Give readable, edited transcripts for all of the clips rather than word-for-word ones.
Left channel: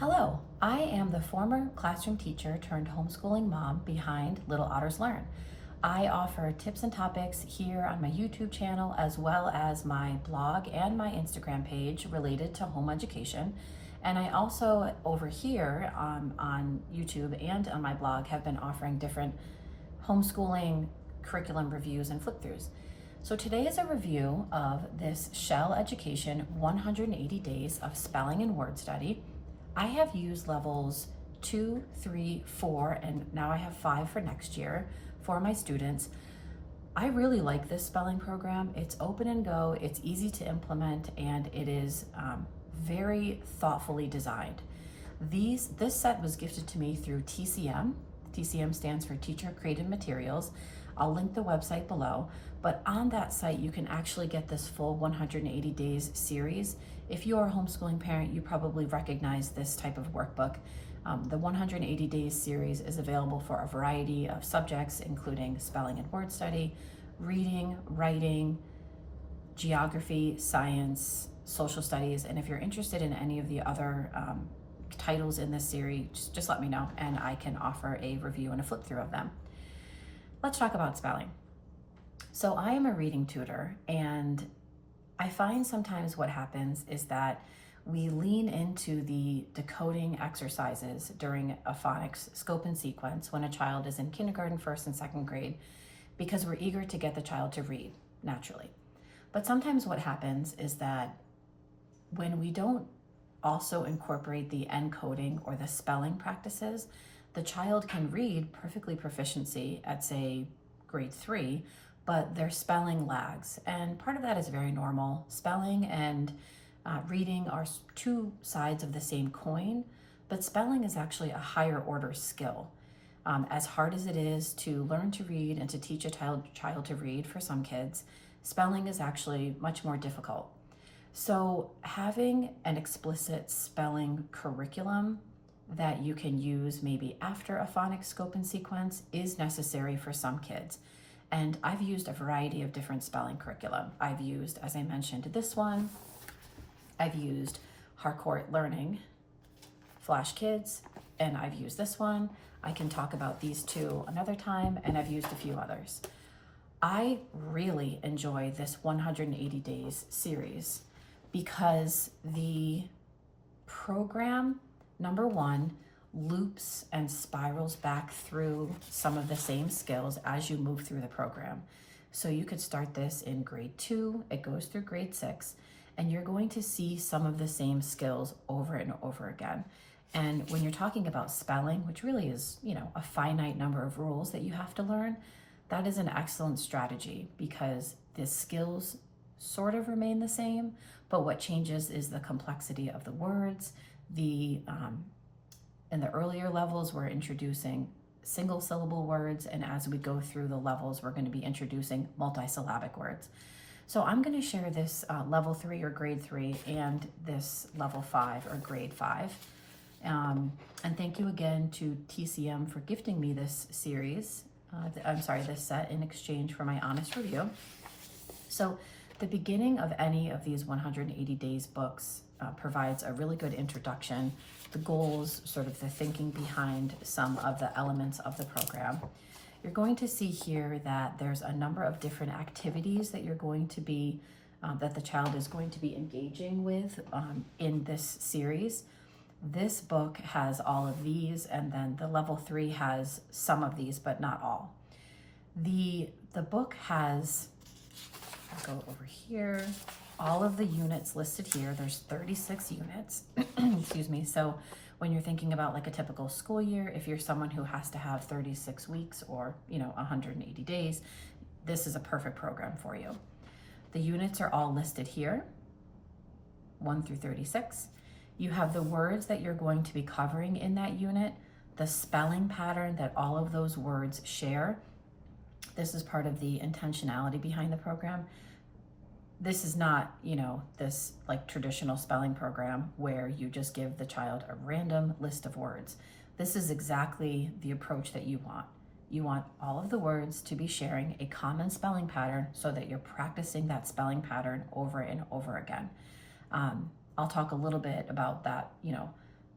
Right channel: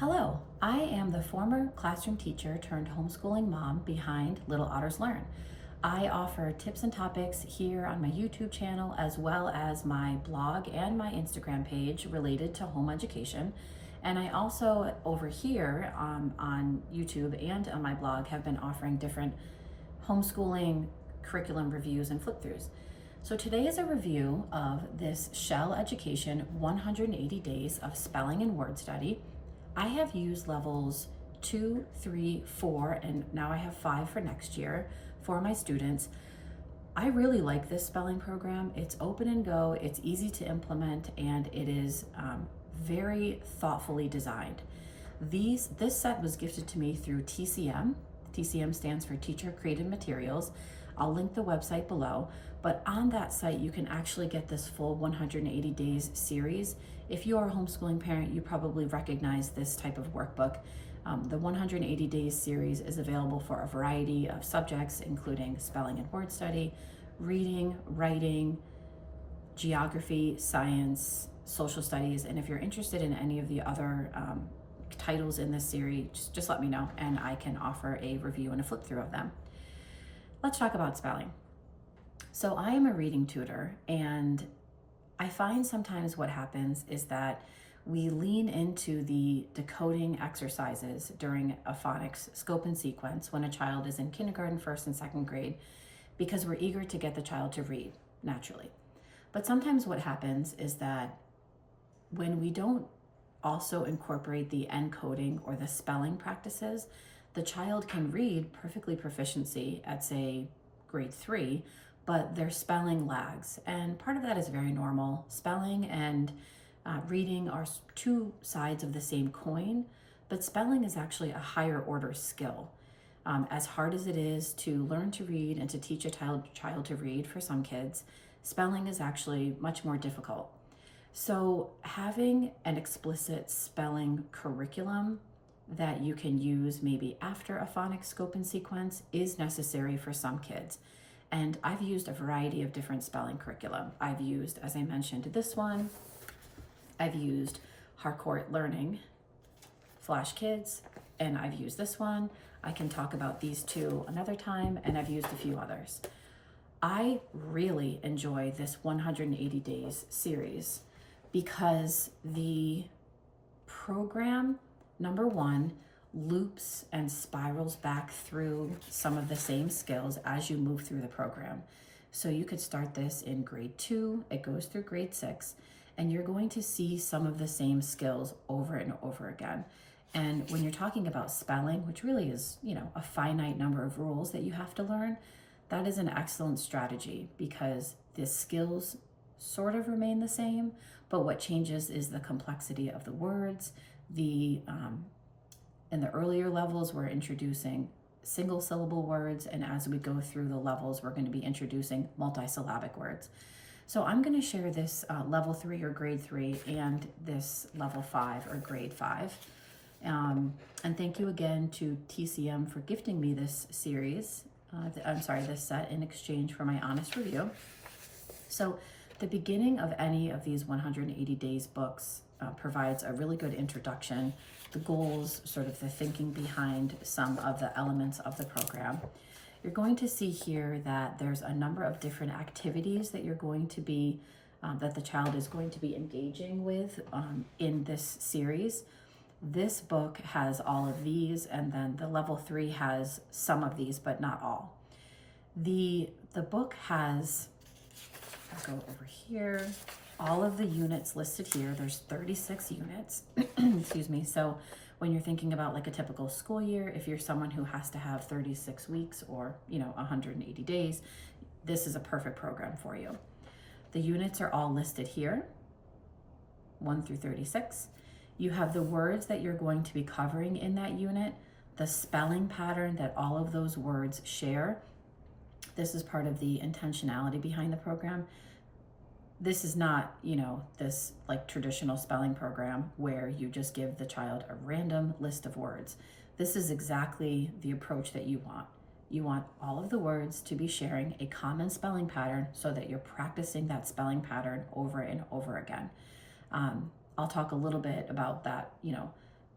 Hello, I am the former classroom teacher turned homeschooling mom behind Little Otters Learn. I offer tips and topics here on my YouTube channel as well as my blog and my Instagram page related to home education. And I also over here on YouTube and on my blog have been offering different homeschooling curriculum reviews and flip-throughs. So today is a review of this Shell Education 180 Days of Spelling and Word Study. I have used levels 2, 3, 4, and now I have 5 for next year for my students. I really like this spelling program. It's open and go, it's easy to implement, and it is very thoughtfully designed. This set was gifted to me through TCM. TCM stands for Teacher Created Materials. I'll link the website below, but on that site you can actually get this full 180 days series. If you are a homeschooling parent, you probably recognize this type of workbook. The 180 days series is available for a variety of subjects, including spelling and word study, reading, writing, geography, science, social studies, and if you're interested in any of the other titles in this series, just let me know and I can offer a review and a flip through of them. Let's talk about spelling. So I am a reading tutor, and I find sometimes what happens is that we lean into the decoding exercises during a phonics scope and sequence when a child is in kindergarten, first and second grade, because we're eager to get the child to read naturally. But sometimes what happens is that when we don't also incorporate the encoding or the spelling practices, the child can read perfectly proficiency at, say, grade 3, but their spelling lags. And part of that is very normal. Spelling and reading are two sides of the same coin, but spelling is actually a higher order skill. As hard as it is to learn to read and to teach a child to read for some kids, spelling is actually much more difficult. So having an explicit spelling curriculum that you can use maybe after a phonics scope and sequence is necessary for some kids. And I've used a variety of different spelling curriculum. I've used, as I mentioned, this one. I've used Harcourt Learning, Flash Kids, and I've used this one. I can talk about these two another time, and I've used a few others. I really enjoy this 180 Days series because the program, number one, loops and spirals back through some of the same skills as you move through the program. So you could start this in grade 2, it goes through grade 6, and you're going to see some of the same skills over and over again. And when you're talking about spelling, which really is, a finite number of rules that you have to learn, that is an excellent strategy because the skills sort of remain the same, but what changes is the complexity of the words. In the earlier levels, we're introducing single syllable words, and as we go through the levels, we're going to be introducing multisyllabic words. So I'm going to share this level 3 or grade 3 and this level 5 or grade 5. And thank you again to TCM for gifting me this series, this set in exchange for my honest review. So the beginning of any of these 180 days books provides a really good introduction, the goals, sort of the thinking behind some of the elements of the program. You're going to see here that there's a number of different activities that you're going to be, that the child is going to be engaging with in this series. This book has all of these, and then the level 3 has some of these, but not all. The book has, I'll go over here, all of the units listed here. There's 36 units, excuse me. So when you're thinking about like a typical school year, if you're someone who has to have 36 weeks or, 180 days, this is a perfect program for you. The units are all listed here, 1 through 36. You have the words that you're going to be covering in that unit, the spelling pattern that all of those words share. This is part of the intentionality behind the program. This is not, this like traditional spelling program where you just give the child a random list of words. This is exactly the approach that you want. You want all of the words to be sharing a common spelling pattern so that you're practicing that spelling pattern over and over again. I'll talk a little bit about that,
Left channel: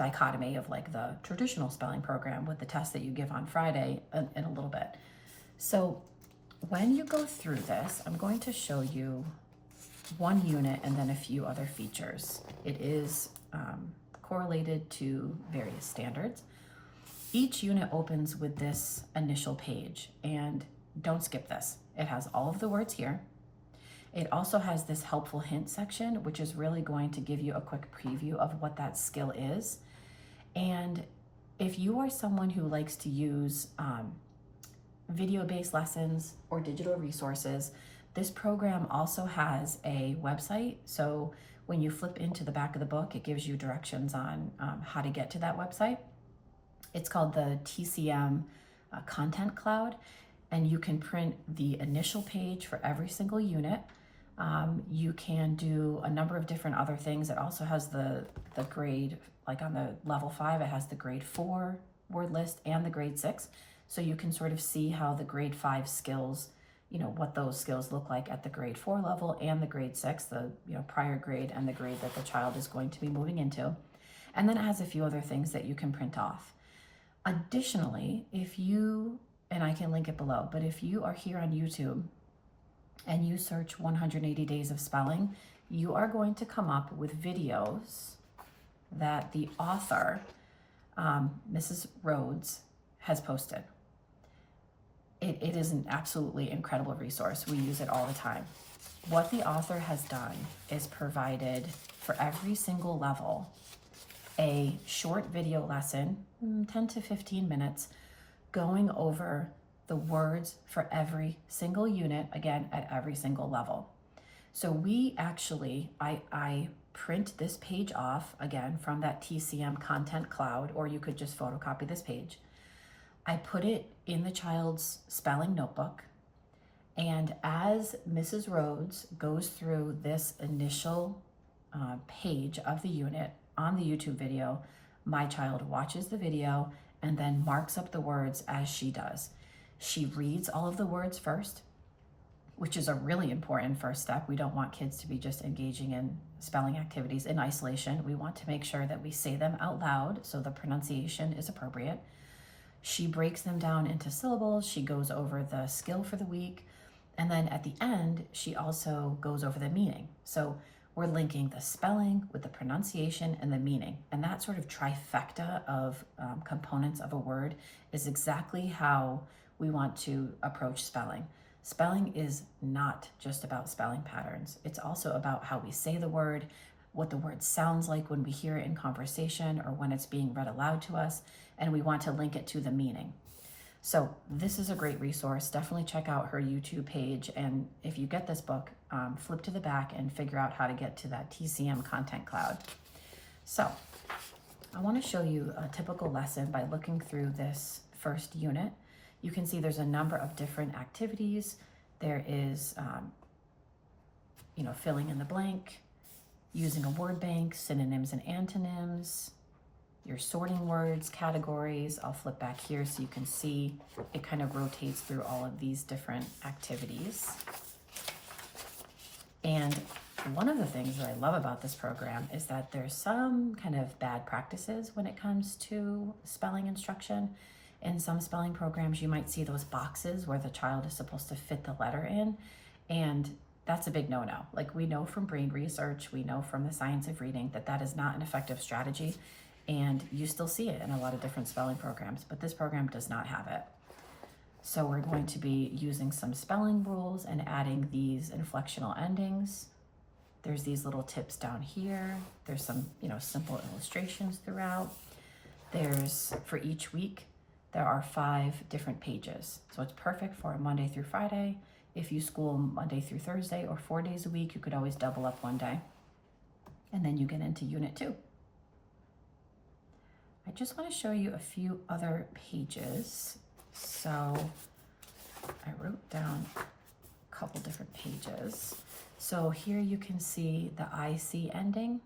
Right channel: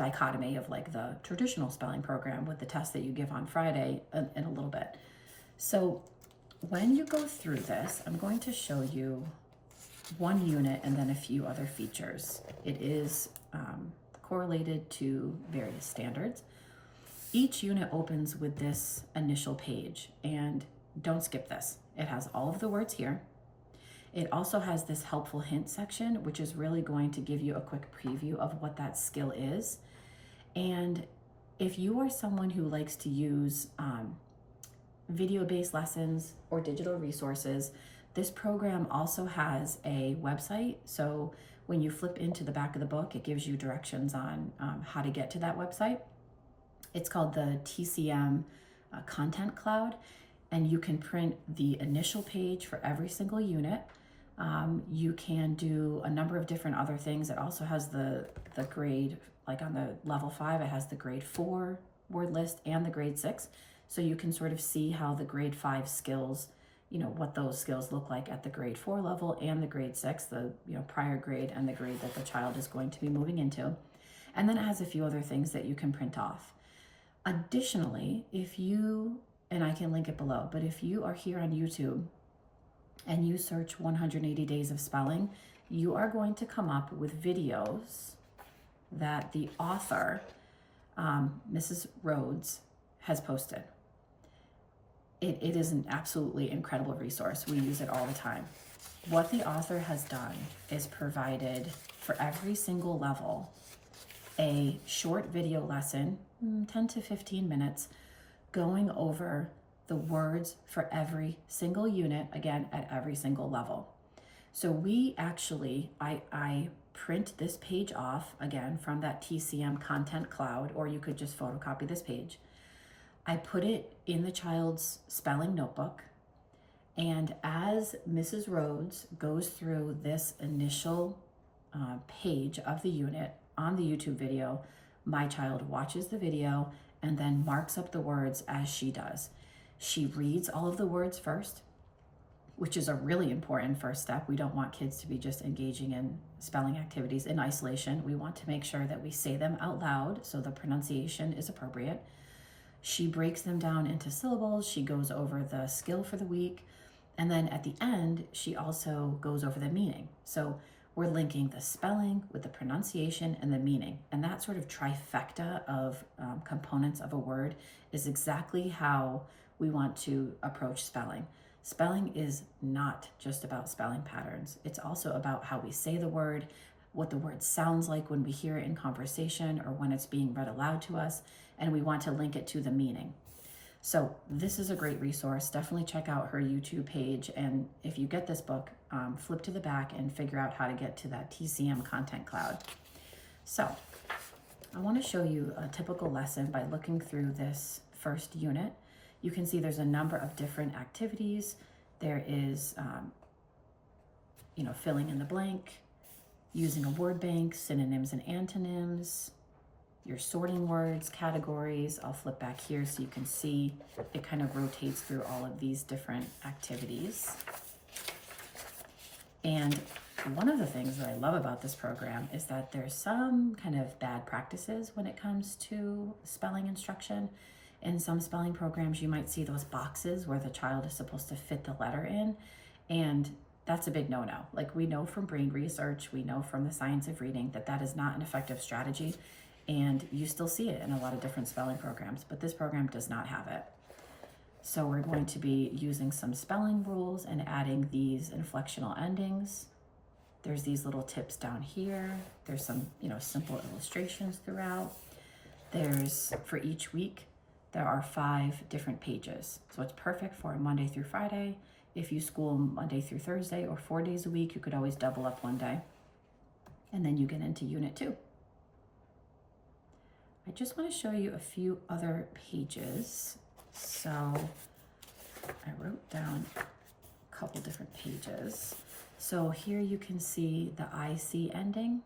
dichotomy of like the traditional spelling program with the test that you give on Friday in a little bit. So when you go through this, I'm going to show you one unit and then a few other features. It is correlated to various standards. Each unit opens with this initial page, and don't skip this. It has all of the words here. It also has this helpful hint section, which is really going to give you a quick preview of what that skill is. And if you are someone who likes to use video-based lessons or digital resources, this program also has a website. So when you flip into the back of the book, it gives you directions on how to get to that website. It's called the TCM Content Cloud, and you can print the initial page for every single unit. You can do a number of different other things. It also has the grade, like on the level 5, it has the grade 4 word list and the grade 6. So you can sort of see how the grade 5 skills, what those skills look like at the grade 4 level and the grade 6, the prior grade and the grade that the child is going to be moving into. And then it has a few other things that you can print off. Additionally, if you, and I can link it below, but if you are here on YouTube and you search 180 days of spelling, you are going to come up with videos that the author, Mrs. Rhodes, has posted. It is an absolutely incredible resource. We use it all the time. What the author has done is provided for every single level a short video lesson, 10 to 15 minutes, going over the words for every single unit, again, at every single level. So we actually, I print this page off, again, from that TCM Content Cloud, or you could just photocopy this page. I put it in the child's spelling notebook, and as Mrs. Rhodes goes through this initial page of the unit on the YouTube video, my child watches the video and then marks up the words as she does. She reads all of the words first, which is a really important first step. We don't want kids to be just engaging in spelling activities in isolation. We want to make sure that we say them out loud so the pronunciation is appropriate. She breaks them down into syllables. She goes over the skill for the week. And then at the end, she also goes over the meaning. So we're linking the spelling with the pronunciation and the meaning. And that sort of trifecta of components of a word is exactly how we want to approach spelling. Spelling is not just about spelling patterns. It's also about how we say the word, what the word sounds like when we hear it in conversation or when it's being read aloud to us, and we want to link it to the meaning. So this is a great resource. Definitely check out her YouTube page, and if you get this book, flip to the back and figure out how to get to that TCM Content Cloud. So I want to show you a typical lesson by looking through this first unit. You can see there's a number of different activities. There is, filling in the blank, using a word bank, synonyms and antonyms, you're sorting words, categories. I'll flip back here so you can see it kind of rotates through all of these different activities. And one of the things that I love about this program is that there's some kind of bad practices when it comes to spelling instruction. In some spelling programs, you might see those boxes where the child is supposed to fit the letter in, and that's a big no-no. Like, we know from brain research, we know from the science of reading that that is not an effective strategy, and you still see it in a lot of different spelling programs, but this program does not have it. So we're going to be using some spelling rules and adding these inflectional endings. There's these little tips down here. There's some, simple illustrations throughout. There's, for each week, there are 5 different pages. So it's perfect for a Monday through Friday. If you school Monday through Thursday or 4 days a week, you could always double up one day. And then you get into Unit 2. I just want to show you a few other pages. So I wrote down a couple different pages. So here you can see the IC ending.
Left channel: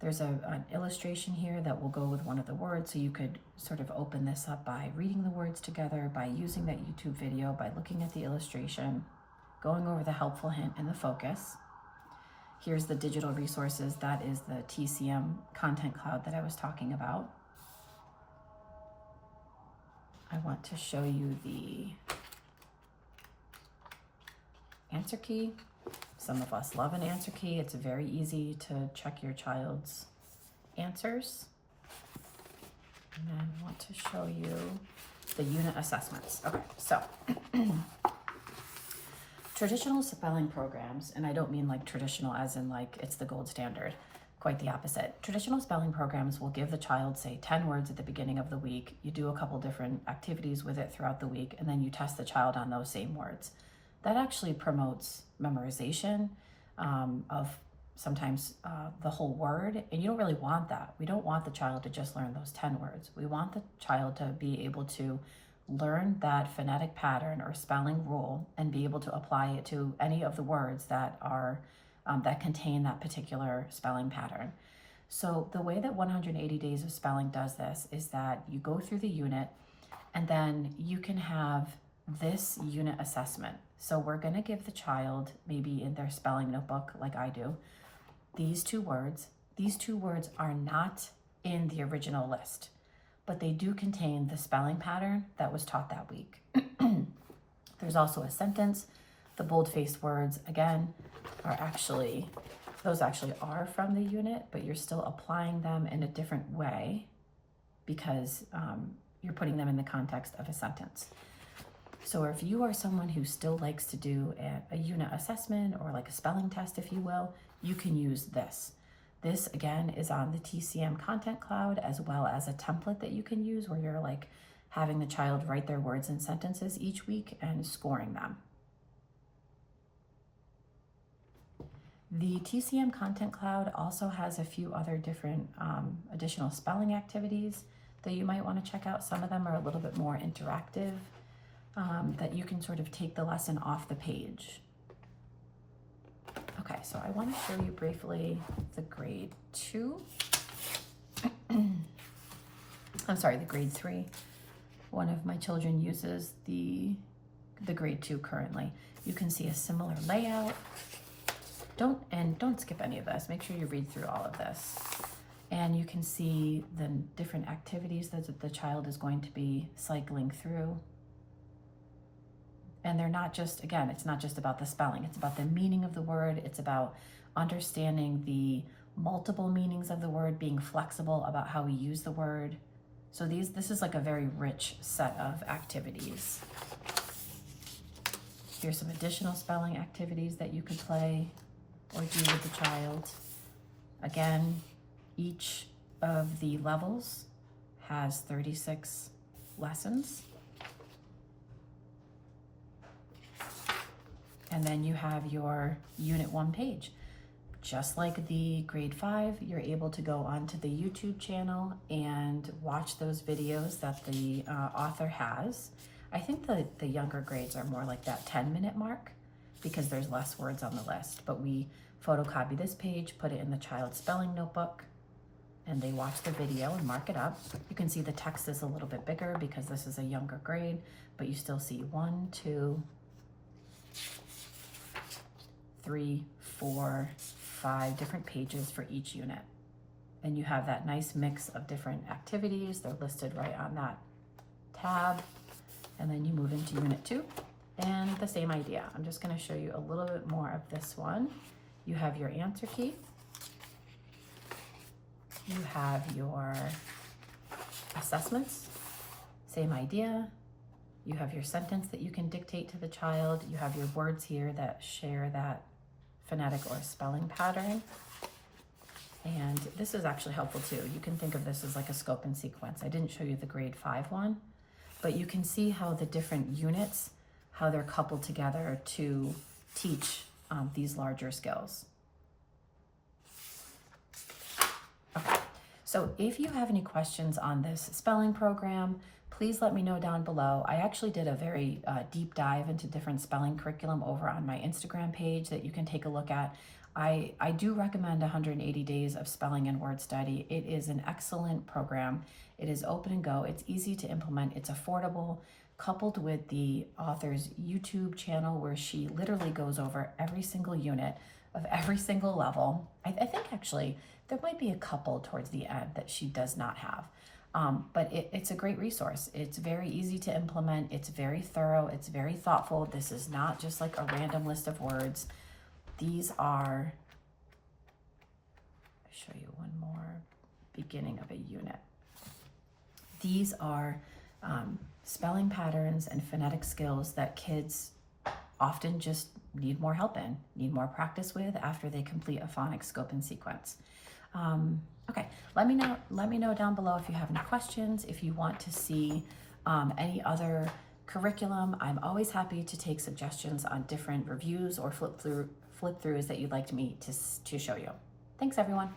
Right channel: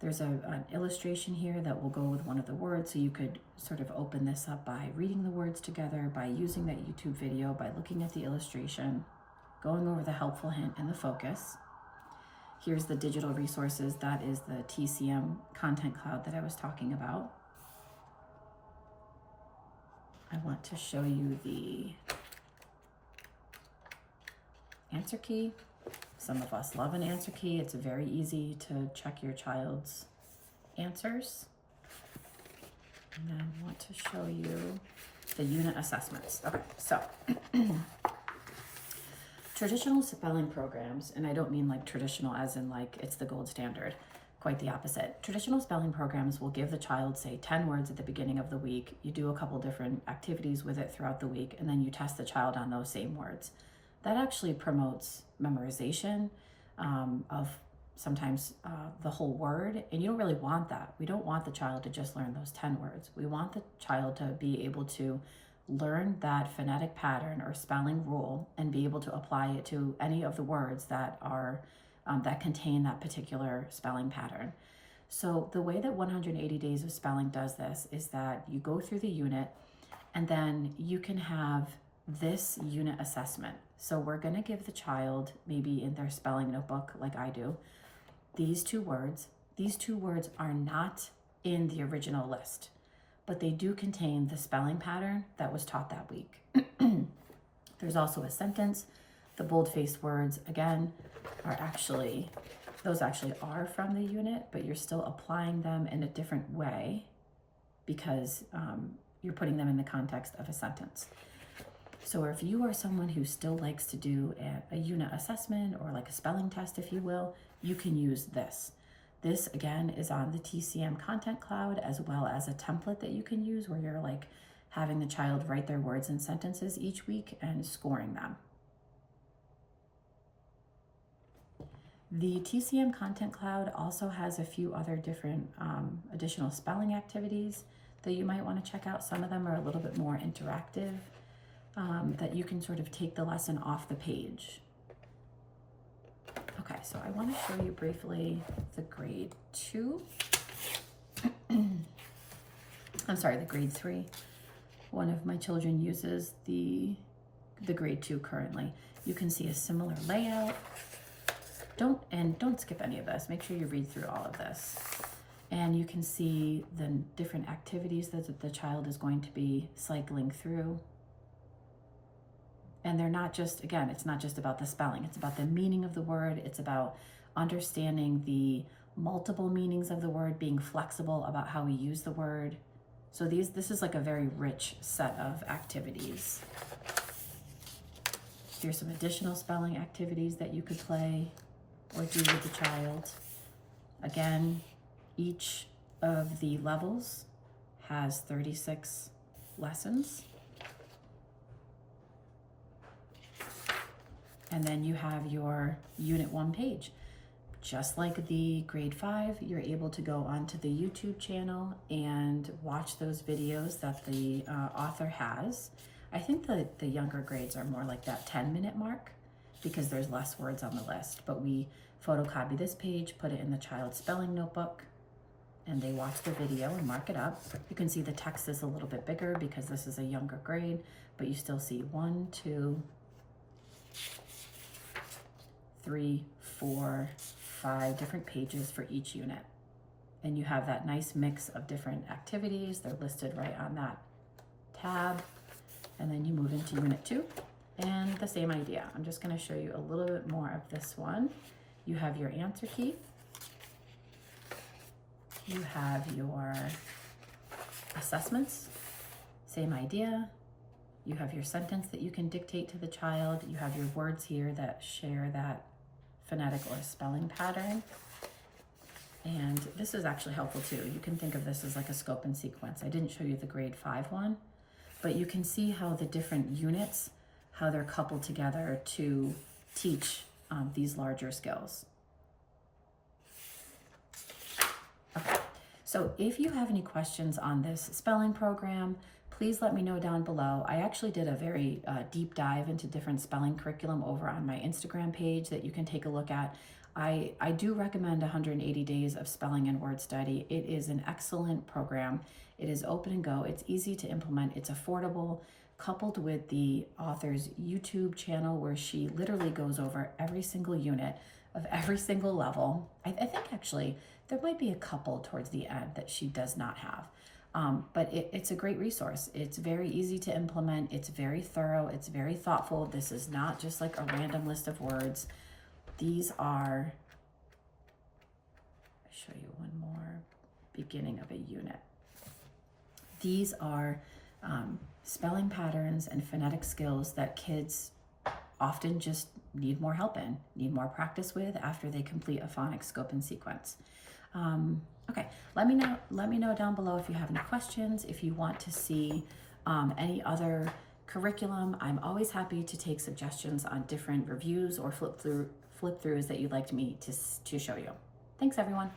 There's an illustration here that will go with one of the words, so you could sort of open this up by reading the words together, by using that YouTube video, by looking at the illustration, going over the helpful hint and the focus. Here's the digital resources. That is the TCM content cloud that I was talking about. I want to show you the answer key. Some of us love an answer key. It's very easy to check your child's answers. And then I want to show you the unit assessments. Okay, so traditional spelling programs, and I don't mean like traditional as in like it's the gold standard, quite the opposite. Traditional spelling programs will give the child, say, 10 words at the beginning of the week. You do a couple different activities with it throughout the week, and then you test the child on those same words. That actually promotes memorization of sometimes the whole word, and you don't really want that. We don't want the child to just learn those 10 words. We want the child to be able to learn that phonetic pattern or spelling rule and be able to apply it to any of the words that are that contain that particular spelling pattern. So the way that 180 Days of Spelling does this is that you go through the unit and then you can have this unit assessment. So we're going to give the child, maybe in their spelling notebook like I do, these two words. These two words are not in the original list, but they do contain the spelling pattern that was taught that week. There's also a sentence. The bold-faced words, again, those actually are from the unit, but you're still applying them in a different way because you're putting them in the context of a sentence. So if you are someone who still likes to do a unit assessment or like a spelling test, if you will, you can use this. This, again, is on the TCM content cloud, as well as a template that you can use where you're like having the child write their words and sentences each week and scoring them. The TCM content cloud also has a few other different additional spelling activities that you might want to check out. Some of them are a little bit more interactive, that you can sort of take the lesson off the page. Okay, so I want to show you briefly the grade 2. I'm sorry, the grade 3. One of my children uses the grade 2 currently. You can see a similar layout. Don't skip any of this. Make sure you read through all of this. And you can see the different activities that the child is going to be cycling through. And they're not just, again, it's not just about the spelling. It's about the meaning of the word. It's about understanding the multiple meanings of the word, being flexible about how we use the word. So this is like a very rich set of activities. Here's some additional spelling activities that you could play or do with the child. Again, each of the levels has 36 lessons. And then you have your Unit 1 page. Just like the grade 5, you're able to go onto the YouTube channel and watch those videos that the author has. I think that the younger grades are more like that 10-minute mark because there's less words on the list. But we photocopy this page, put it in the child's spelling notebook, and they watch the video and mark it up. You can see the text is a little bit bigger because this is a younger grade, but you still see 1, 2, 3, 4, 5 different pages for each unit. And you have that nice mix of different activities. They're listed right on that tab. And then you move into Unit 2 and the same idea. I'm just going to show you a little bit more of this one. You have your answer key. You have your assessments, same idea. You have your sentence that you can dictate to the child. You have your words here that share that phonetic or spelling pattern. And this is actually helpful too. You can think of this as like a scope and sequence. I didn't show you the grade 5 one, but you can see how the different units, how they're coupled together to teach these larger skills. Okay, so if you have any questions on this spelling program, please let me know down below. I actually did a very deep dive into different spelling curriculum over on my Instagram page that you can take a look at. I do recommend 180 Days of Spelling and Word Study. It is an excellent program. It is open and go. It's easy to implement. It's affordable, coupled with the author's YouTube channel where she literally goes over every single unit of every single level. I think actually there might be a couple towards the end that she does not have. But it's a great resource. It's very easy to implement. It's very thorough. It's very thoughtful. This is not just like a random list of words. These are, I'll show you one more, beginning of a unit. These are spelling patterns and phonetic skills that kids often just need more help in, need more practice with after they complete a phonics scope and sequence. Okay, let me know down below if you have any questions, if you want to see any other curriculum. I'm always happy to take suggestions on different reviews or flip throughs that you'd like me to show you. Thanks, everyone.